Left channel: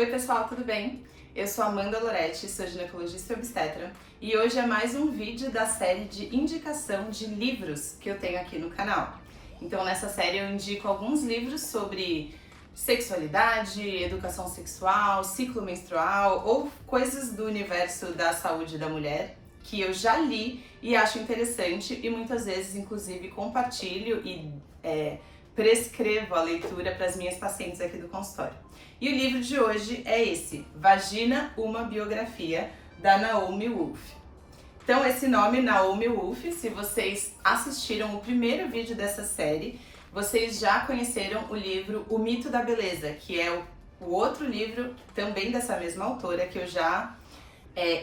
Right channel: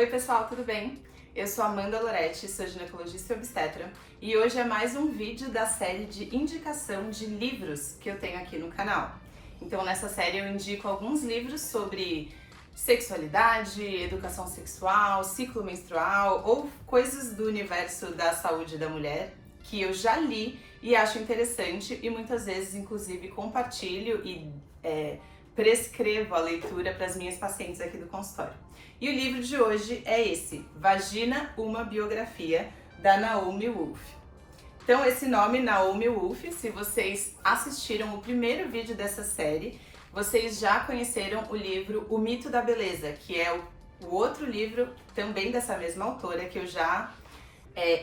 Oi pessoal, tudo bem? Eu sou Amanda Loretti, sou ginecologista e obstetra e hoje é mais um vídeo da série de indicação de livros que eu tenho aqui no canal. Então nessa série eu indico alguns livros sobre sexualidade, educação sexual, ciclo menstrual ou coisas do universo da saúde da mulher que eu já li e acho interessante e muitas vezes inclusive compartilho e prescrevo a leitura para as minhas pacientes aqui do consultório. E o livro de hoje é esse, Vagina, uma biografia, da Naomi Wolf. Então esse nome, Naomi Wolf, se vocês assistiram o primeiro vídeo dessa série, vocês já conheceram o livro O Mito da Beleza, que é o outro livro também dessa mesma autora que eu já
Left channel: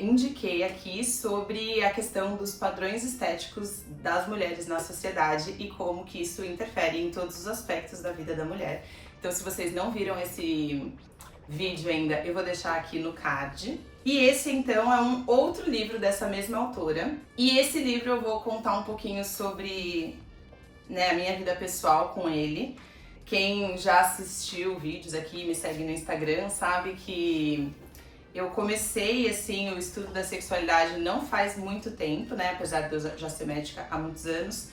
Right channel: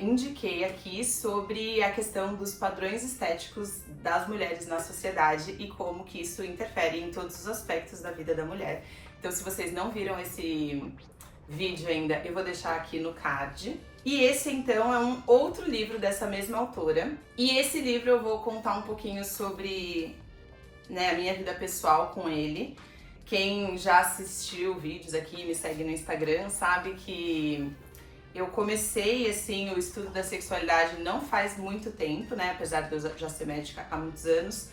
indiquei aqui sobre a questão dos padrões estéticos das mulheres na sociedade e como que isso interfere em todos os aspectos da vida da mulher. Então, se vocês não viram esse vídeo ainda, eu vou deixar aqui no card. E esse, então, é um outro livro dessa mesma autora. E esse livro eu vou contar um pouquinho sobre a minha vida pessoal com ele. Quem já assistiu vídeos aqui, me segue no Instagram, sabe que eu comecei, assim, o estudo da sexualidade não faz muito tempo, né? Apesar de eu já ser médica há muitos anos.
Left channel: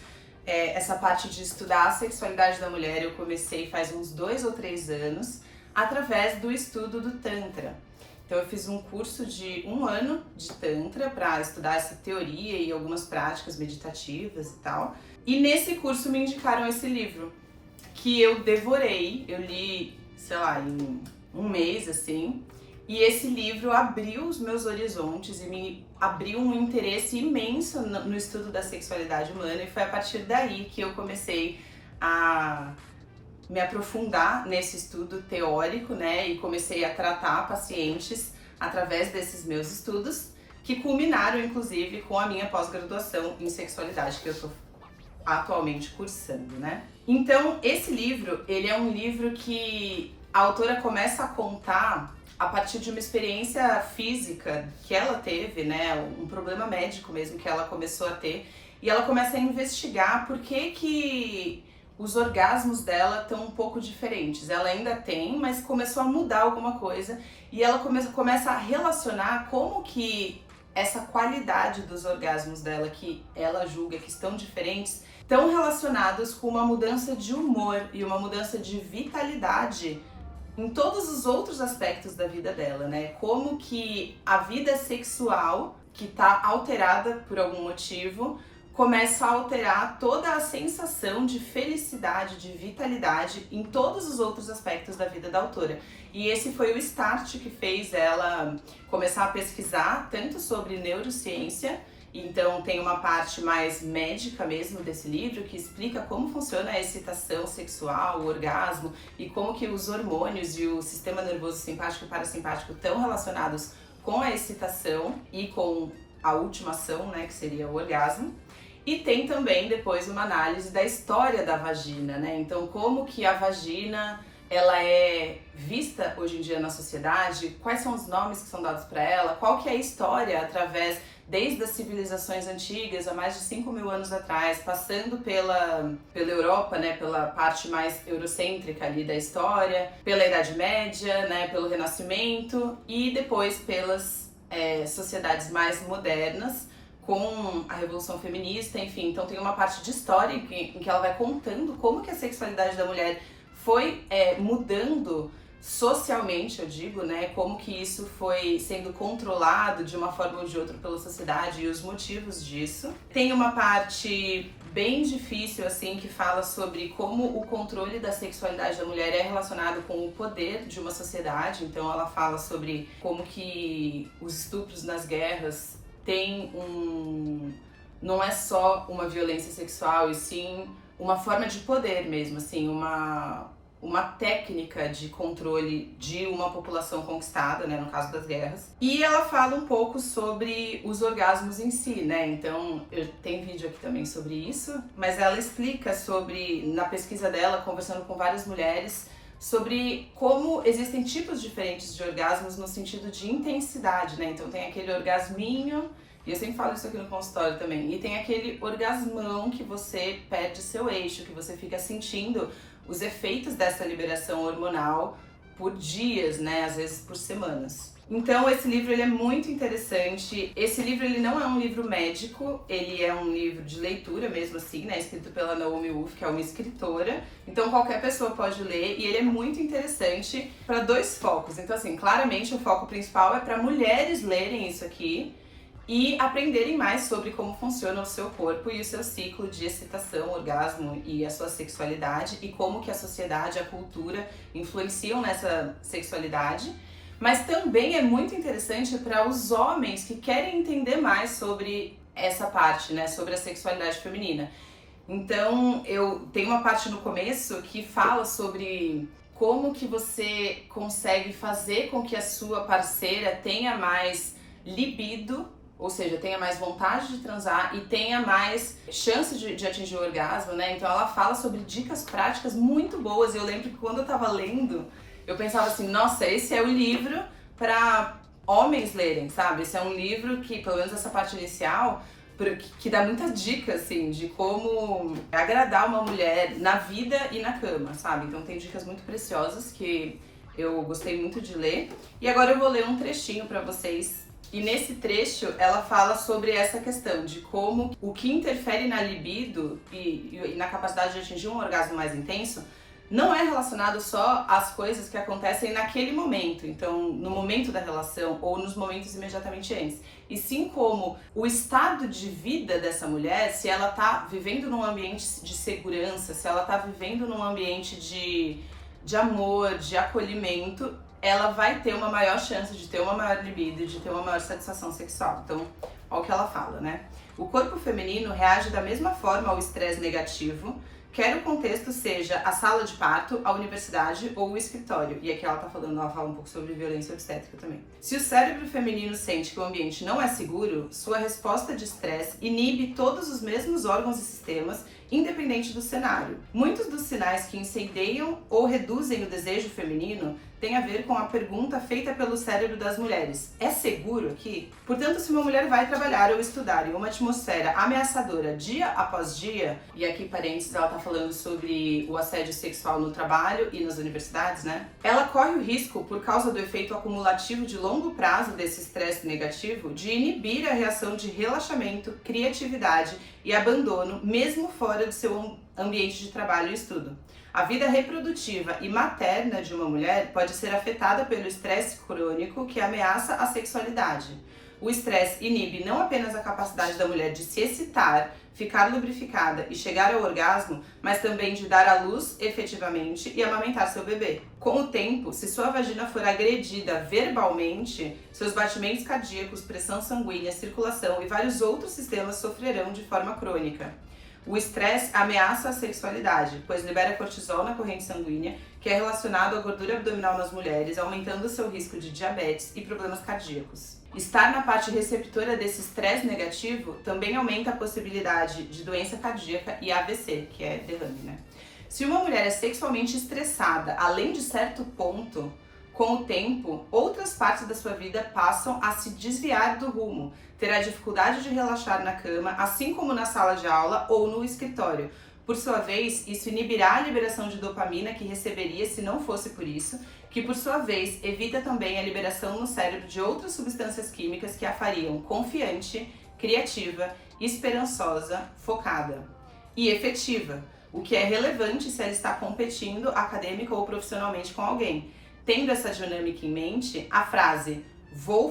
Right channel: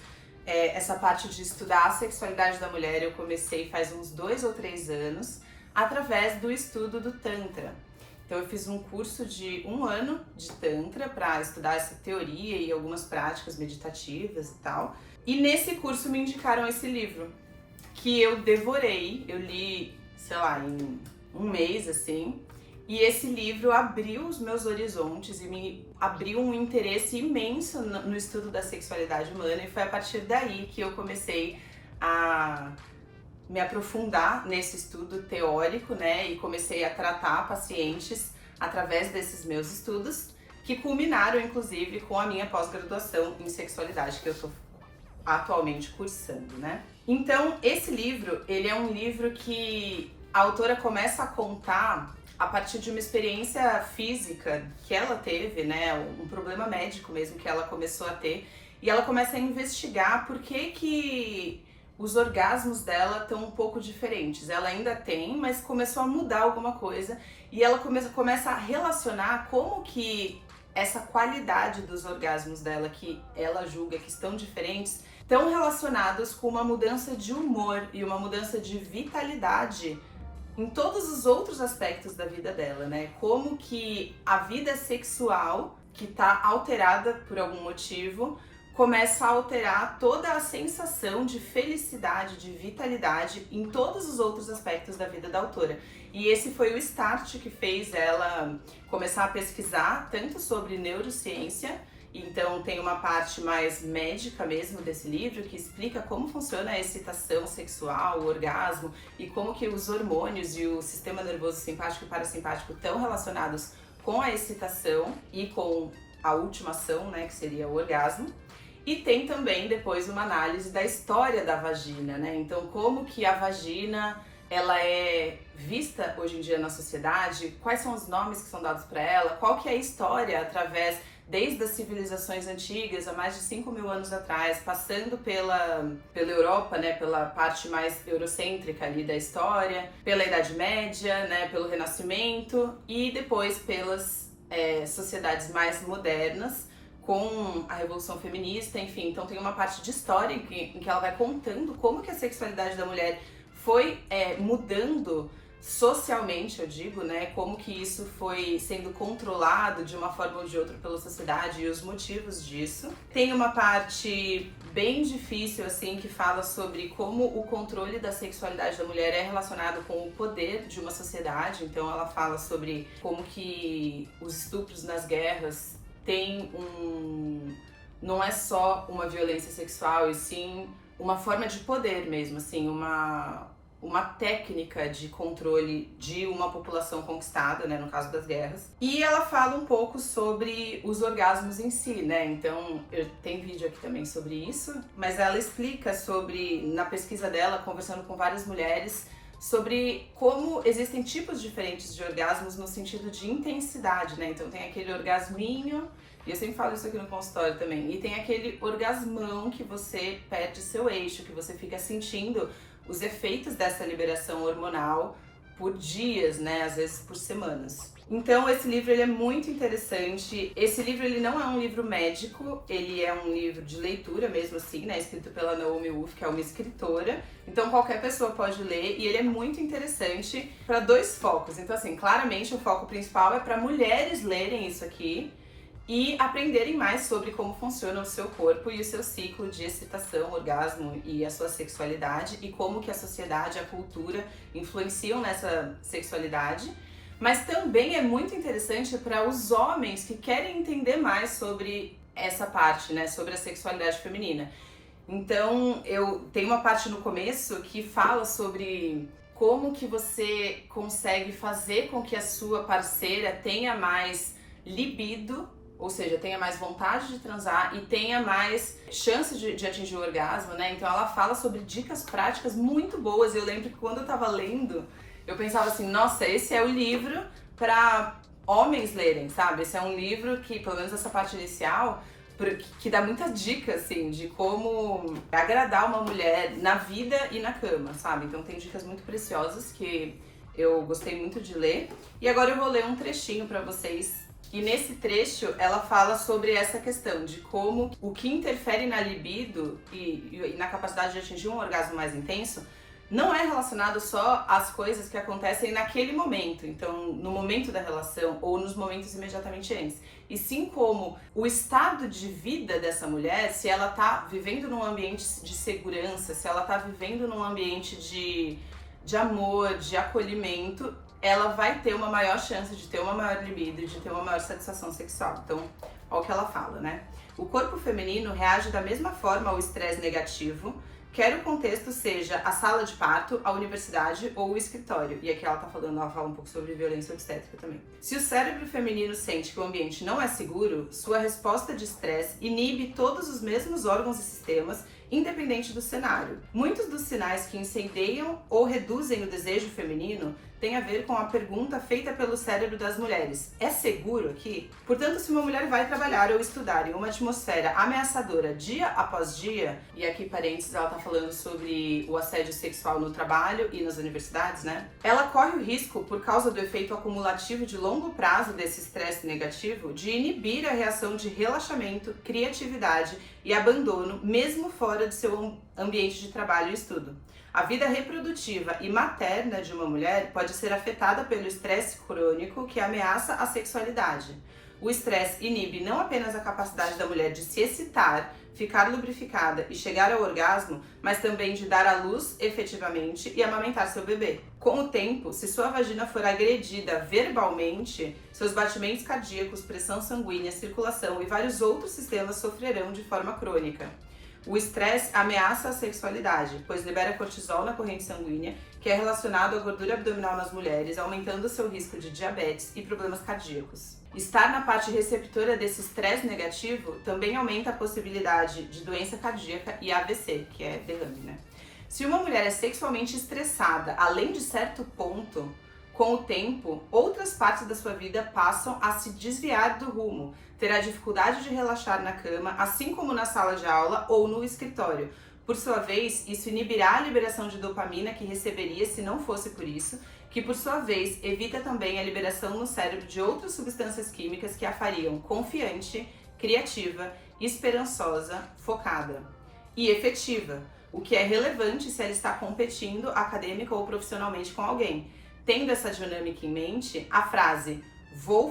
Essa parte de estudar a sexualidade da mulher eu comecei faz uns 2 ou 3 anos através do estudo do Tantra. Então eu fiz um curso de 1 ano de Tantra para estudar essa teoria e algumas práticas meditativas e tal. E nesse curso me indicaram esse livro, que eu devorei, eu li, sei lá, em 1 mês, assim. E esse livro abriu os meus horizontes e me abriu um interesse imenso no estudo da sexualidade humana e foi a partir daí que eu comecei a me aprofundar nesse estudo teórico, né? E comecei a tratar pacientes através desses meus estudos, que culminaram inclusive com a minha pós-graduação em sexualidade que eu tô atualmente cursando, né? Então, esse livro, ele é um livro que a autora começa a contar a partir de uma experiência física que ela teve, né, um problema médico mesmo que ela começou a ter, e ela começa a investigar por que os orgasmos dela estão um pouco diferentes. Ela ainda tem, mas começou a mudar alguma coisa, e ela começa a relacionar como que essa qualidade dos orgasmos dela, que ela julga que estão diferentes, estão relacionados com uma mudança de humor e uma mudança de vitalidade em todos os outros aspectos da vida dela, né? Como que a vida sexual, que tá alterada por algum motivo, começa a alterar toda a sensação de felicidade, de vitalidade em todos os outros aspectos da vida da autora. E esse foi o start que fez ela começar a pesquisar tanto sobre neurociência. Então tem uma parte mais médica mesmo desse livro que explica como funciona a excitação sexual, o orgasmo e como que os hormônios e o sistema nervoso simpático e parasimpático estão relacionados com a excitação e com a última ação, né, que seria o orgasmo. E tem também depois uma análise da história da vagina, né? Então como que a vagina ela é vista hoje em dia na sociedade, quais são os nomes que são dados para ela, qual que é a história através desde as civilizações antigas, há mais de 5.000 anos atrás, passando pela Europa, né, pela parte mais eurocêntrica ali da história, pela Idade Média, né, pelo Renascimento e depois pelas sociedades mais modernas, com a Revolução Feminista, enfim. Então tem uma parte de história em que ela vai contando como que a sexualidade da mulher foi mudando socialmente, eu digo, né, como que isso foi sendo controlado de uma forma ou de outra pela sociedade e os motivos disso. Tem uma parte bem difícil, assim, que fala sobre como o controle da sexualidade da mulher é relacionado com o poder de uma sociedade. Então ela fala sobre como que os estupros nas guerras têm não é só uma violência sexual, e sim uma forma de poder mesmo, assim, uma técnica de controle de uma população conquistada, né, no caso das guerras. E ela fala um pouco sobre os orgasmos em si, né, então tem vídeo aqui também sobre isso, mas ela explica sobre, na pesquisa dela, conversando com várias mulheres, sobre como existem tipos diferentes de orgasmos no sentido de intensidade, né, então tem aquele orgasminho, e eu sempre falo isso aqui no consultório também, e tem aquele orgasmão que você perde seu eixo, que você fica sentindo os efeitos dessa liberação hormonal por dias, né? Às vezes por semanas. Então esse livro ele é muito interessante. Esse livro ele não é um livro médico, ele é um livro de leitura mesmo assim, né? Escrito pela Naomi Wolf, que é uma escritora. Então qualquer pessoa pode ler e ele é muito interessante para dois focos. Então assim, claramente o foco principal é para mulheres lerem isso aqui e aprenderem mais sobre como funciona o seu corpo e o seu ciclo de excitação, orgasmo e a sua sexualidade e como que a sociedade, a cultura influenciam nessa sexualidade. Mas também é muito interessante para os homens que querem entender mais sobre essa parte, né, sobre a sexualidade feminina. Então, eu tenho uma parte no começo que fala sobre como que você consegue fazer com que a sua parceira tenha mais libido, ou seja, tenha mais vontade de transar e tenha mais chance de atingir o orgasmo, né? Então ela fala sobre dicas práticas muito boas. Eu lembro que quando eu tava lendo, eu pensava assim, nossa, esse é o livro para homens lerem, sabe? Esse é um livro que, pelo menos essa parte inicial, que dá muitas dicas, assim, de como agradar uma mulher na vida e na cama, sabe? Então tem dicas muito preciosas que eu gostei muito de ler. E agora eu vou ler um trechinho para vocês. E nesse trecho ela fala sobre essa questão de como o que interfere na libido e na capacidade de atingir um orgasmo mais intenso não é relacionado só às coisas que acontecem naquele momento, então no momento da relação ou nos momentos imediatamente antes, e sim como o estado de vida dessa mulher, se ela tá vivendo num ambiente de segurança, se ela tá vivendo num ambiente de amor, de acolhimento, ela vai ter uma maior chance de ter uma maior libido e de ter uma maior satisfação sexual. Então, olha o que ela fala, né? O corpo feminino reage da mesma forma ao estresse negativo, quer o contexto seja a sala de parto, a universidade ou o escritório. E aqui ela fala um pouco sobre violência obstétrica também. Se o cérebro feminino sente que o ambiente não é seguro, sua resposta de estresse inibe todos os mesmos órgãos e sistemas, independente do cenário. Muitos dos sinais que incendeiam ou reduzem o desejo feminino têm a ver com a pergunta feita pelo cérebro das mulheres: é seguro aqui? Portanto, se uma mulher vai trabalhar ou estudar em uma atmosfera ameaçadora dia após dia, e aqui parênteses, ela tá falando sobre o assédio sexual no trabalho e nas universidades, né? Ela corre o risco, por causa do efeito acumulativo de longo prazo desse estresse negativo, de inibir a reação de relaxamento, criatividade e abandono, mesmo fora do seu ambiente de trabalho e estudo. A vida reprodutiva e materna de uma mulher pode ser afetada pelo estresse crônico que ameaça a sexualidade. O estresse inibe não apenas a capacidade da mulher de se excitar, ficar lubrificada e chegar ao orgasmo, mas também de dar à luz efetivamente e amamentar seu bebê. Com o tempo, se sua vagina for agredida verbalmente, seus batimentos cardíacos, pressão sanguínea, circulação e vários outros sistemas sofrerão de forma crônica. O estresse ameaça a sexualidade, pois libera cortisol na corrente sanguínea, que é relacionado à gordura abdominal nas mulheres, aumentando o seu risco de diabetes e problemas cardíacos. Estar na parte receptora desse estresse negativo também aumenta a possibilidade de doença cardíaca e AVC, que é derrame, né? Se uma mulher é sexualmente estressada, além de certo ponto, com o tempo, outras partes da sua vida passam a se desviar do rumo, terá dificuldade de relaxar na cama, assim como na sala de aula ou no escritório. Por sua vez, isso inibirá a liberação de dopamina que receberia se não fosse por isso, que por sua vez evita também a liberação no cérebro de outras substâncias químicas que a fariam confiante, criativa, esperançosa, focada e efetiva, o que é relevante se ela está competindo acadêmica ou profissionalmente com alguém. Tendo essa dinâmica em mente, a frase "vou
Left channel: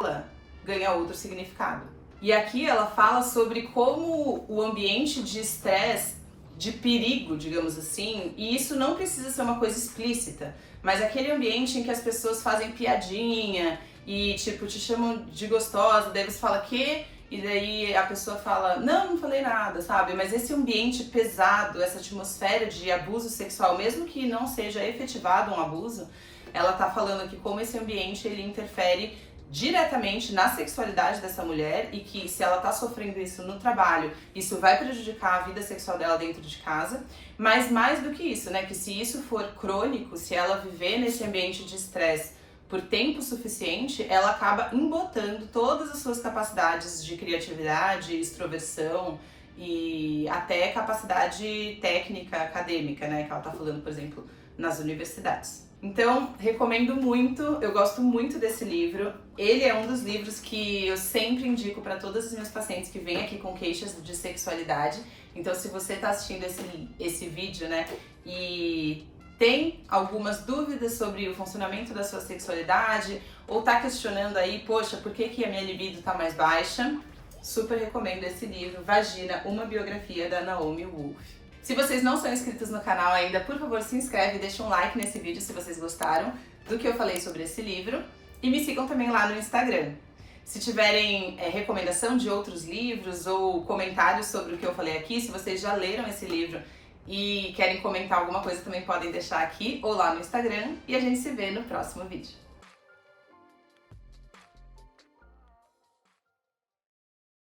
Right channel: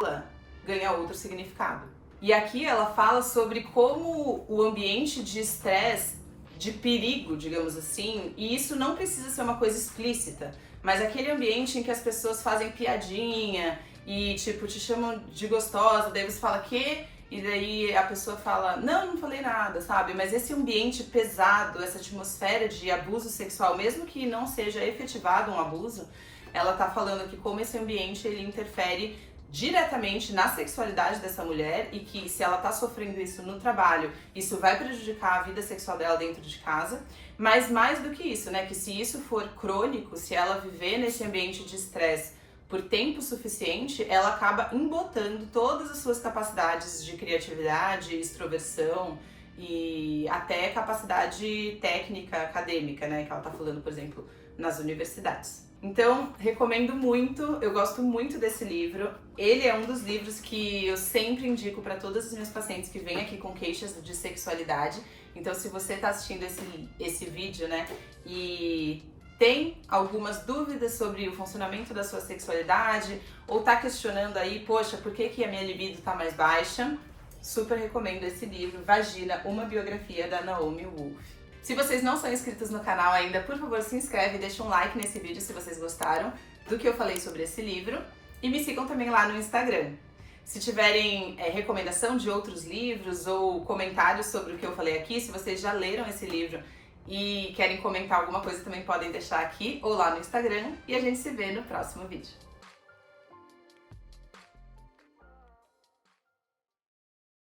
f***la" ganha outro significado. E aqui ela fala sobre como o ambiente de estresse, de perigo, digamos assim, e isso não precisa ser uma coisa explícita, mas aquele ambiente em que as pessoas fazem piadinha e tipo te chamam de gostosa, daí você fala "quê?" E daí a pessoa fala não falei nada, sabe? Mas esse ambiente pesado, essa atmosfera de abuso sexual, mesmo que não seja efetivado um abuso, ela tá falando aqui como esse ambiente ele interfere diretamente na sexualidade dessa mulher e que se ela tá sofrendo isso no trabalho, isso vai prejudicar a vida sexual dela dentro de casa, mas mais do que isso, né, que se isso for crônico, se ela viver nesse ambiente de estresse por tempo suficiente, ela acaba embotando todas as suas capacidades de criatividade, extroversão e até capacidade técnica, acadêmica, né, que ela tá falando, por exemplo, nas universidades. Então, recomendo muito, eu gosto muito desse livro. Ele é um dos livros que eu sempre indico para todas as minhas pacientes que vêm aqui com queixas de sexualidade. Então, se você está assistindo esse vídeo, né, e tem algumas dúvidas sobre o funcionamento da sua sexualidade, ou tá questionando aí, poxa, por que a minha libido tá mais baixa? Super recomendo esse livro, Vagina, uma biografia da Naomi Wolf. Se vocês não são inscritos no canal ainda, por favor se inscreve e deixa um like nesse vídeo se vocês gostaram do que eu falei sobre esse livro. E me sigam também lá no Instagram. Se tiverem recomendação de outros livros ou comentários sobre o que eu falei aqui, se vocês já leram esse livro e querem comentar alguma coisa, também podem deixar aqui ou lá no Instagram. E a gente se vê no próximo vídeo.